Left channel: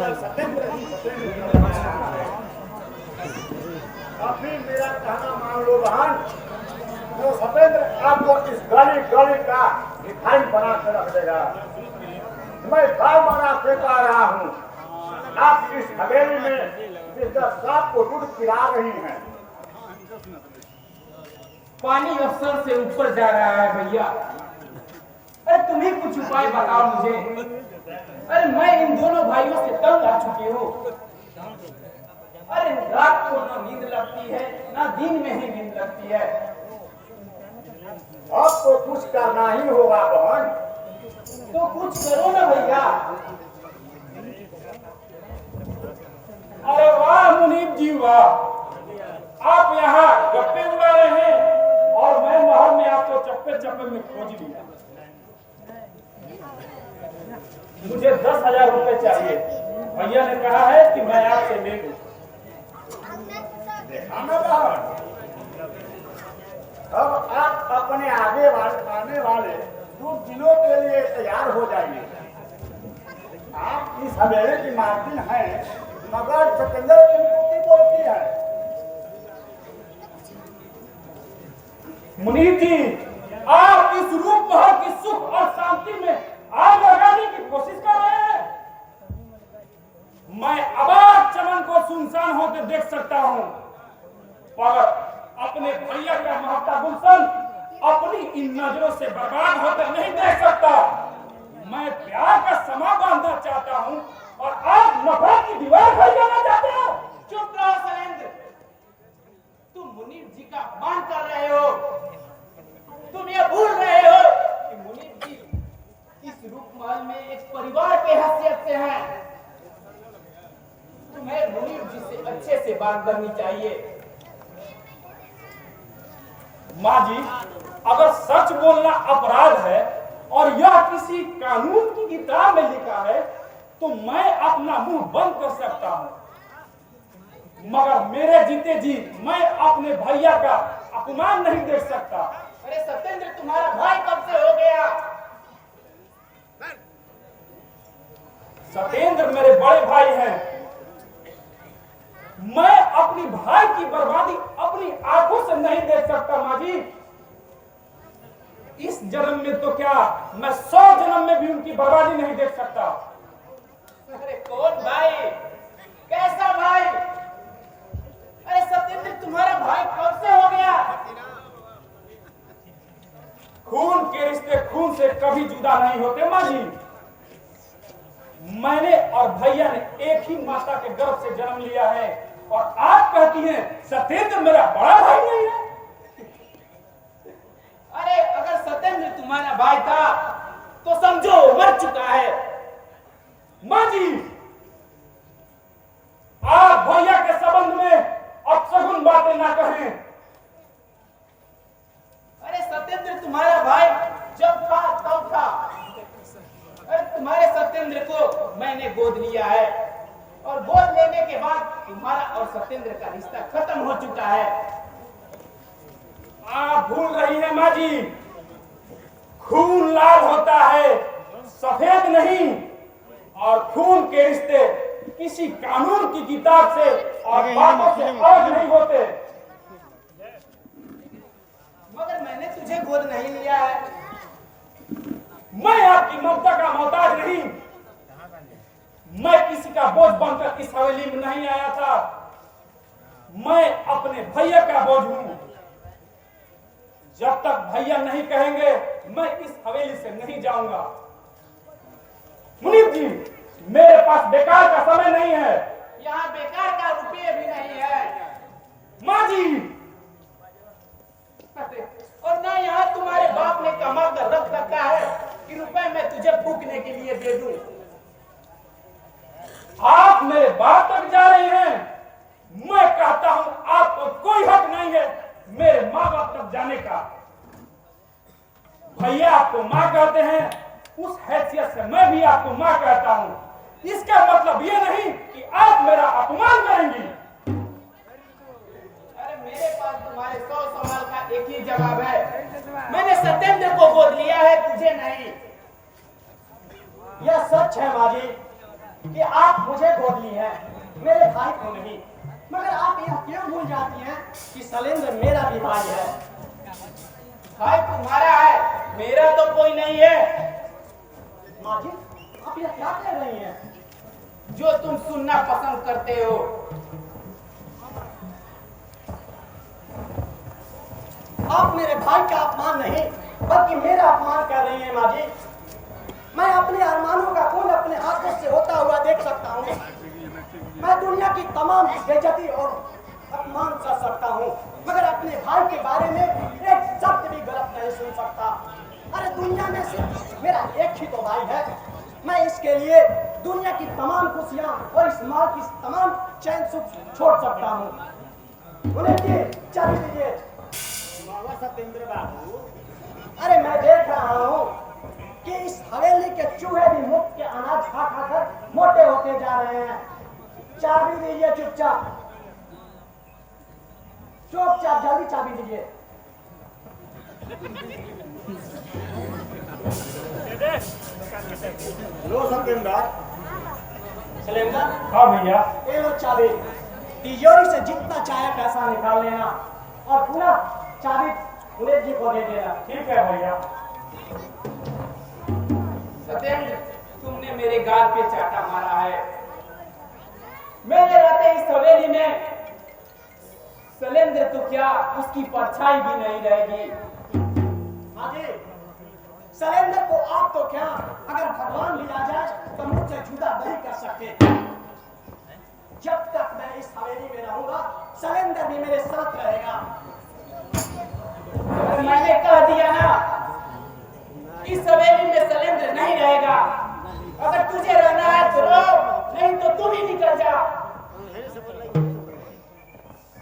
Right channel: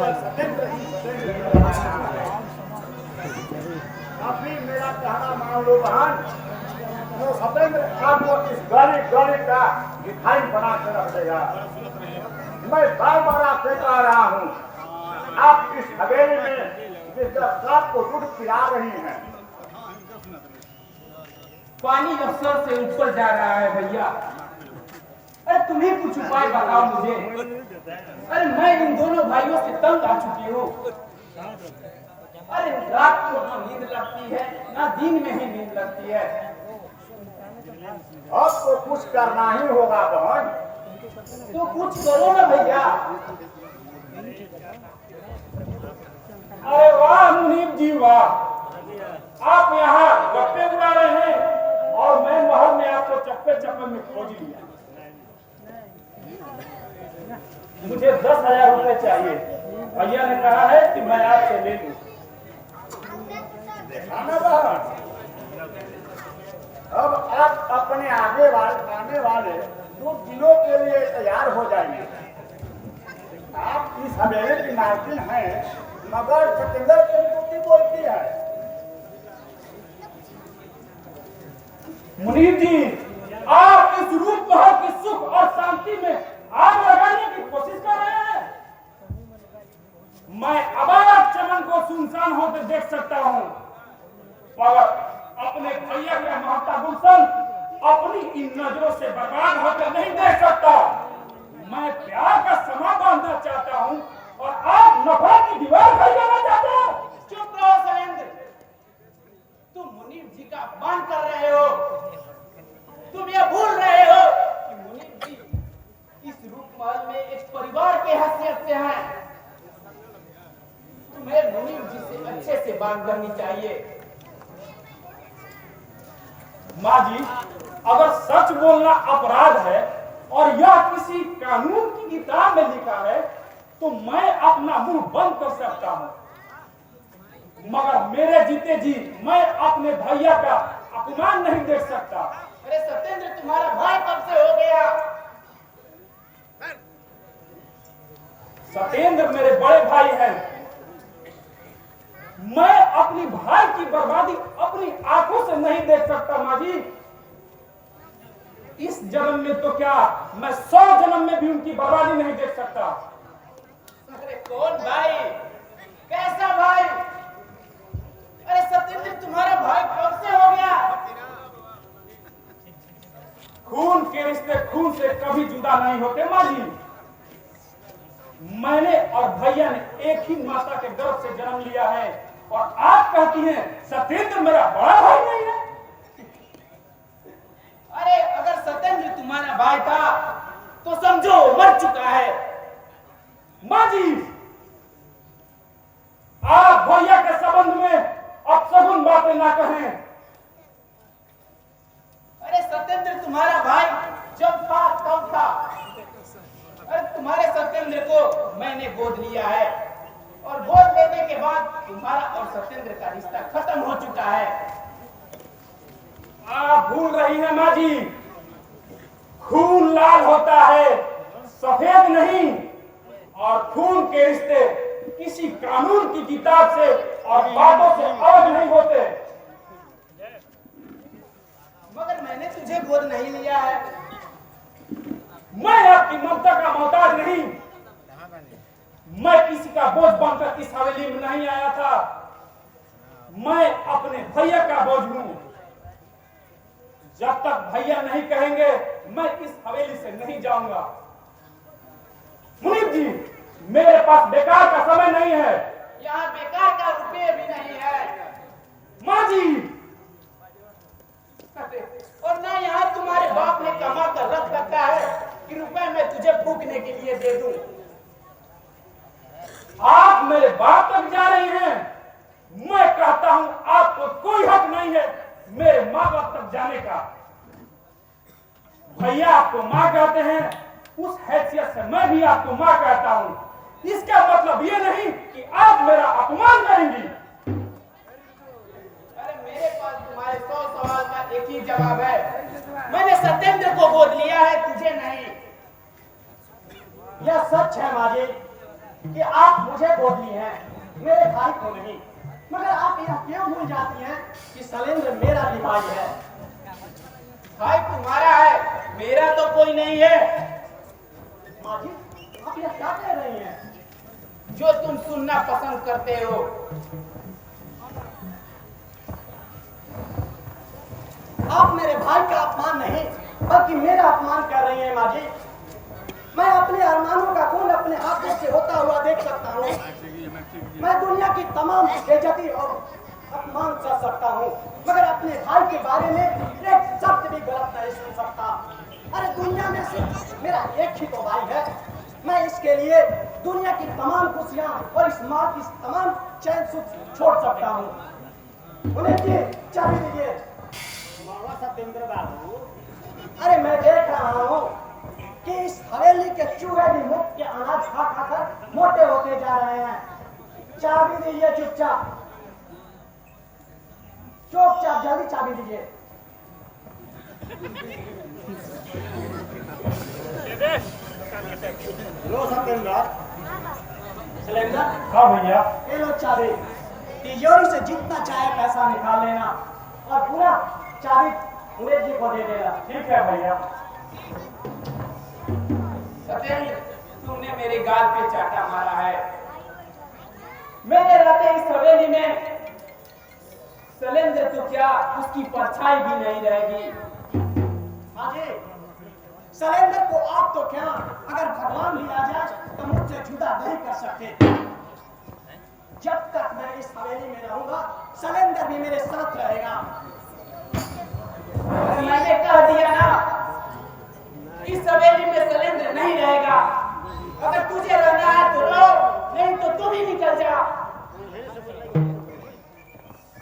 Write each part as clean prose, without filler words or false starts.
अभी मेरा कहना मान लो बहन, तो सत्येंद्र आपको इस गणित का मिठाई बना के रख देगा। मैं गाँव बना के आ रहा हूँ, आप इस हवेली में जिस सांप को दूध पिला रही हैं। पानी अफसर से ऊपर जा रहा है भैया। अरे तुम्हें कुछ उपाय बताओ मुझे। अरे मैं इन दोनों भाइयों से तंग आ चुकी हूँ। अरे रात को ना नींद लगती है, ना दिन में ही नींद लगती है। अब तो कुछ करना ही होगा बहन। तो कुछ करो ना भैया। अरे वाह मुनीब जी वाह, आप यहाँ गप्पे उड़ा रहे हैं और मैं महल में आपको चप्पे चप्पे में खोज लिया। मुझे 10,000 रुपए चाहिए। भैया ने कहा है कि मैं आपसे ले लूं। अब आप अपने आने वाले 2 दिनों के लिए तैयार हो जाएंगे। आप इस हवेली की मालकिन हैं, मगर सत्येंद्र की कुत्ती बोलती है। मुनीब जी, आप इस रूप महल की सुख और शांति में आग लगाने की कोशिश कर रहे हैं। मैं आबाद चमन को सुनसान होकर देख सकता हूँ, पर अपने भैया का महता गुलशन अपनी इन नजरों से बर्बाद होकर नहीं देख सकता। मैं प्यार का समा बांधना चाहता हूँ और आप नफरत की दीवार खड़ी करना चाहते हो। चुप रहो शैलेंद्र, तुम मुनीब जी का अपमान कर रहे हो। तुम ये भूल रहे हो कि मुनीब जी इस रूप महल में एक परिवार के हैसियत से हैं। तुम्हें मुनीब जी से अच्छे से बात करनी चाहिए। माँ जी, अगर सच बोलना अपराध है और यह किसी कानून की किताब में लिखा है तो मैं अपना मुंह बंद कर सकता हूँ, मगर मेरे जीते जी मैं अपने भैया का अपमान नहीं देख सकता। अरे सत्येंद्र, तुम्हारा भाई कब से हो गया? सत्येंद्र मेरे बड़े भाई हैं। मैं अपनी भाई की बर्बादी अपनी आंखों से नहीं देख सकता माँ जी। इस जन्म में तो क्या, मैं 100 जन्म में भी उनकी बर्बादी नहीं देख सकता। अरे कौन भाई? कैसा भाई? अरे सत्येंद्र, तुम्हारा भाई कब से हो गया? खून के रिश्ते खून से कभी जुदा नहीं होते माँ जी। मैंने और भैया ने एक ही माता के गर्भ से जन्म लिया है और आप कहती हैं सत्येंद्र मेरा बड़ा भाई नहीं है। अरे अगर सत्येंद्र तुम्हारा भाई था तो समझो मर चुका है। माँ जी, आप भैया के संबंध में अपशगुन बातें ना कहें। अरे सत्येंद्र तुम्हारा भाई जब था तब था। अरे तुम्हारे सत्येंद्र को मैंने गोद लिया है और गोद लेने के बाद तुम्हारा और सत्येंद्र का रिश्ता खत्म हो चुका है। आप भूल रही हैं माँ जी, खून लाल होता है, सफेद नहीं, और खून के रिश्ते किसी कानून की किताब से और बातों से अलग नहीं होते। मगर मैंने तुझे गोद नहीं लिया है। मैं आपकी ममता का मोहताज नहीं। मैं किसी का बोझ बनकर इस हवेली में नहीं आया था। मैं अपने भैया का बोझ हूं। जब तक भैया नहीं कहेंगे मैं इस हवेली से नहीं जाऊंगा। मुनीब जी, मेरे पास बेकार का समय नहीं है। यहाँ बेकार का रुपये भी नहीं है। माँ जी, और ना यहाँ तुम्हारे बाप ने कमा कर रख रखा है कि रुपए मैं तुझे फूकने के लिए दे दूं। आप मेरे बाप तक जा रही हैं। मैं कहता हूं आपको कोई हक नहीं है मेरे माँ बाप तक जाने का। भैया आपको माँ कहते हैं, उस हैसियत से मैं भी आपको माँ कहता हूं। इसका मतलब ये नहीं कि आप मेरा अपमान करेंगी। अरे मेरे पास तुम्हारे 100 सवाल का एक ही जवाब है। मैंने सत्येंद्र को गोद लिया है, तुझे नहीं। यह सच है माँ जी। कि आप मुझे गोद ली हैं, मेरे भाई को नहीं। मगर आप यह क्यों भूल जाती हैं कि शैलेंद्र मेरा भी भाई है। भाई तुम्हारा है, मेरा तो कोई नहीं है। माँ जी, आप यह क्या कह रही हैं? जो तुम सुनना पसंद करते हो। आप मेरे भाई का अपमान नहीं बल्कि मेरा अपमान कर रही हैं माँ जी। मैं अपने अरमानों का खून अपने हाथों से होता हुआ देख सकता हूँ। मैं दुनिया की तमाम बेइज्जती और अपमान कर सकता हूँ, मगर अपने भाई के बारे में एक शब्द भी गलत नहीं सुन सकता। अरे दुनिया में से मेरा एक ही तो भाई है। मैं इसके लिए दुनिया की तमाम खुशियाँ और इस माँ की तमाम चैन सुख छोड़ सकता हूँ। उन्हें दिए चाबी दीजिए। बाबा सत्येंद्र बाबू, अरे मैं देख रहा हूँ कि इस हवेली के चूहे भी मुफ्त के अनाज खा खाकर मोटे होते जा रहे हैं। चाबी दीजिए चुपचाप, चुपचाप जल्दी चाबी दीजिए। लो सत्येंद्र। सत्येंद्र, हाँ भैया। ये लो चाबी। तिजोरी से जितना चाहे पैसा निकाल लेना और पूरा चाबी उमेश जी को दे देना। ठीक है भैया। सत्येंद्र, तुमने मेरे गाल पे चाटा मारा है। मेरे रहते इस हवेली में शैलेंद्र तो क्या, उसकी परछाई भी नहीं रहेगी। हाँ जी, शैलेंद्र को आप तो क्या, अगर भगवान भी आ जाए तो मुझसे जुदा नहीं कर सकते। जब तक मैं इस हवेली में रहूंगा शैलेंद्र भी मेरे साथ रहेगा। और मैंने कह दिया ना, इस हवेली में शैलेंद्र नहीं रहेगा। अगर तुझे रहना है तो रहो, नहीं तो तुम ही निकल जा।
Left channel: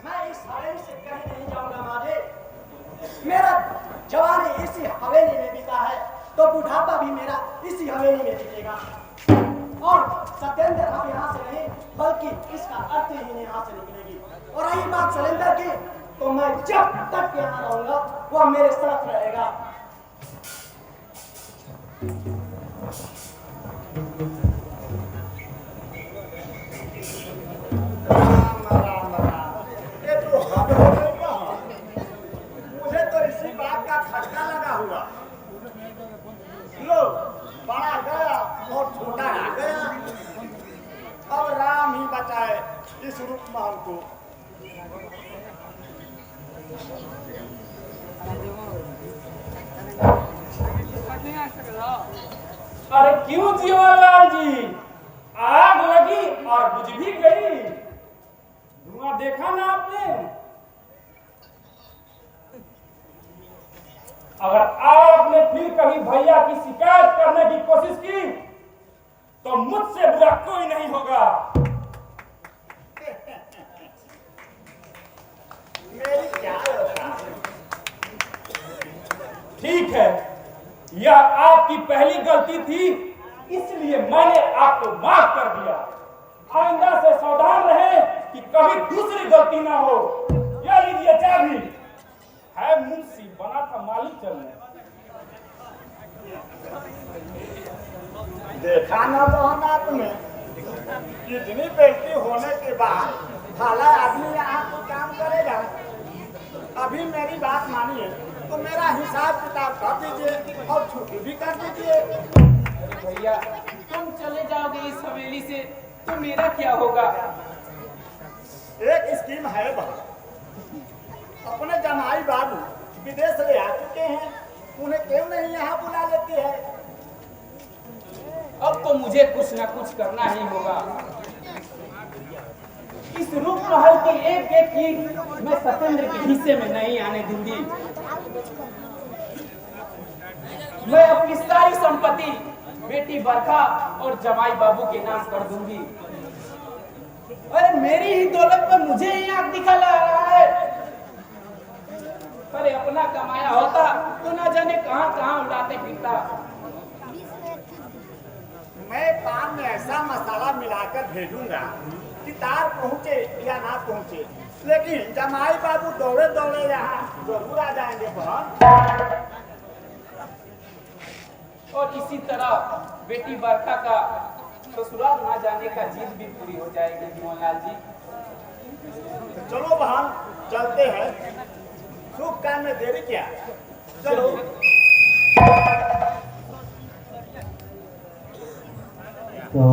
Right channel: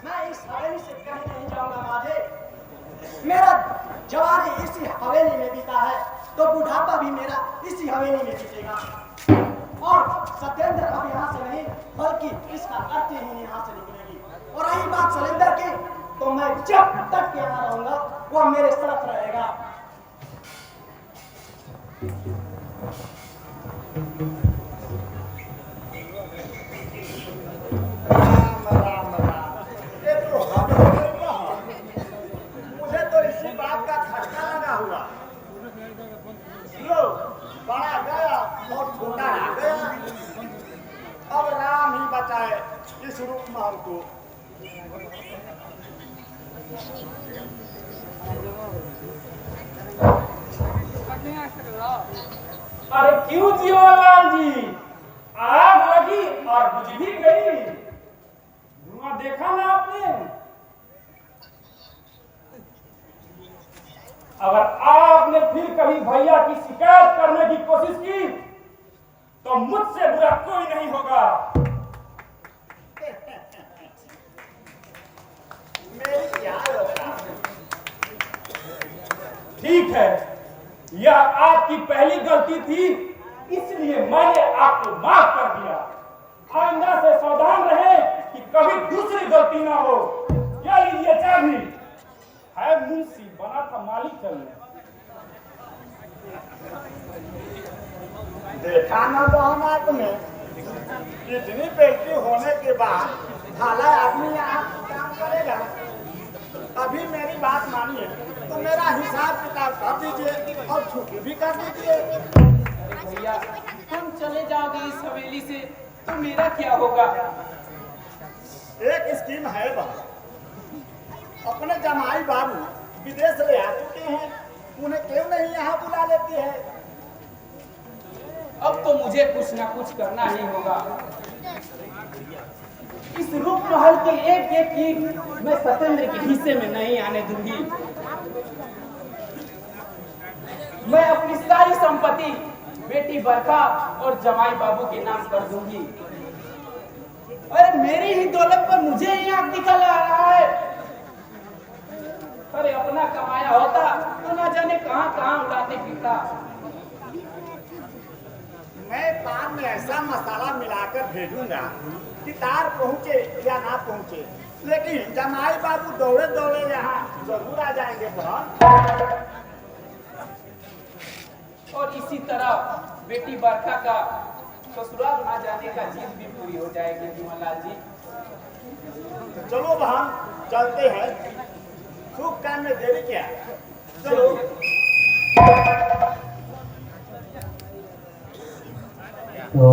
मैं इस हवेली से कहीं नहीं जाऊंगा माधे। मेरा जवानी इसी हवेली में बीता है तो बुढ़ापा भी मेरा इसी हवेली में बीतेगा। और सत्येंद्र अब यहाँ से नहीं बल्कि इसका अर्थ ही यहाँ से निकलेगी। और रही बात शैलेंद्र की, तो मैं जब तक यहाँ रहूंगा वो मेरे साथ रहेगा। राम राम राम, ये तो हद हो गई बहन। मुझे तो इसी बात का खटका लगा हुआ। लो, बड़ा गया और छोटा आ गया। अब राम ही बचाए इस रुक्महल को। अरे क्यों जियोलाल जी, आग लगी और बुझ भी गई। धुआं देखा ना आपने? अगर आपने फिर कभी भैया की शिकायत करने की कोशिश की तो मुझसे बुरा कोई नहीं होगा। मेरी क्या दशा। ठीक है, यह आपकी पहली गलती थी, इसलिए मैंने आपको माफ कर दिया। आइंदा से सावधान रहे कि कभी दूसरी गलती ना हो। यह लीजिए चाबी, है मुंशी बना था मालिक करने। देखा ना बहन आपने, इतनी बेइज्जती होने के बाद भला आदमी यहाँ काम करेगा। अभी मेरी बात मानिए तो मेरा हिसाब किताब कर दीजिए और छुट्टी भी कर दीजिए। भैया, तुम चले जाओगे इस हवेली से तो मेरा क्या होगा? एक स्कीम है बहन, अपने जमाई बाबू विदेश ले आ चुके हैं, उन्हें क्यों नहीं यहाँ बुला लेती है। अब तो मुझे कुछ ना कुछ करना ही होगा। इस रूप महल की एक एक चीज मैं सत्येंद्र के हिस्से में नहीं आने दूंगी। मैं अपनी सारी संपत्ति बेटी बरखा और जमाई बाबू के नाम कर दूंगी। अरे मेरी ही दौलत पर मुझे ही आंख दिखा ला रहा है। अरे अपना कमाया होता तो ना जाने कहां कहां उड़ाते फिरता। मैं पान में ऐसा मसाला मिलाकर भेजूंगा कि तार पहुंचे या ना पहुंचे, लेकिन जमाई बाबू दौड़े दौड़े यहाँ जरूर आ जाएंगे बहन। और इसी तरह बेटी बरखा का ससुराल ना जाने का जिद भी पूरी हो जाएगी मोहनलाल जी। तो चलो बहन चलते हैं, शुभ काम में देरी क्या, चलो। तो